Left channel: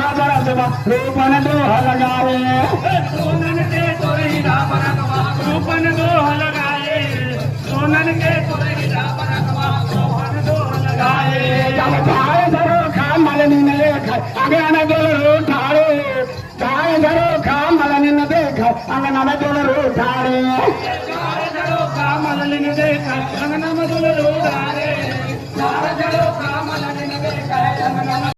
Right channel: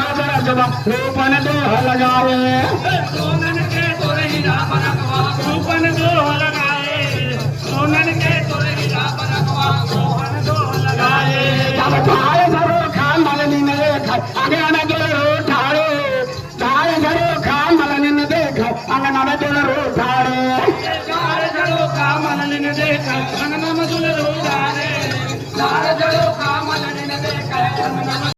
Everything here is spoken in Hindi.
रूपन दोह लगाए सोनन के तुर हीरा बनकवा रूपन दोह लगाए सोनन के तुर हीरा बनकवा रूपन दोह लगाए जब ठाए धरो खान मलनी न देख अगन दिल रूठाड़े ठाए धरो खान मलनी न देख अंगन में दिल रूठाड़े ठाए धरो खान मलनी न देख अंगन में दिल रूठाड़े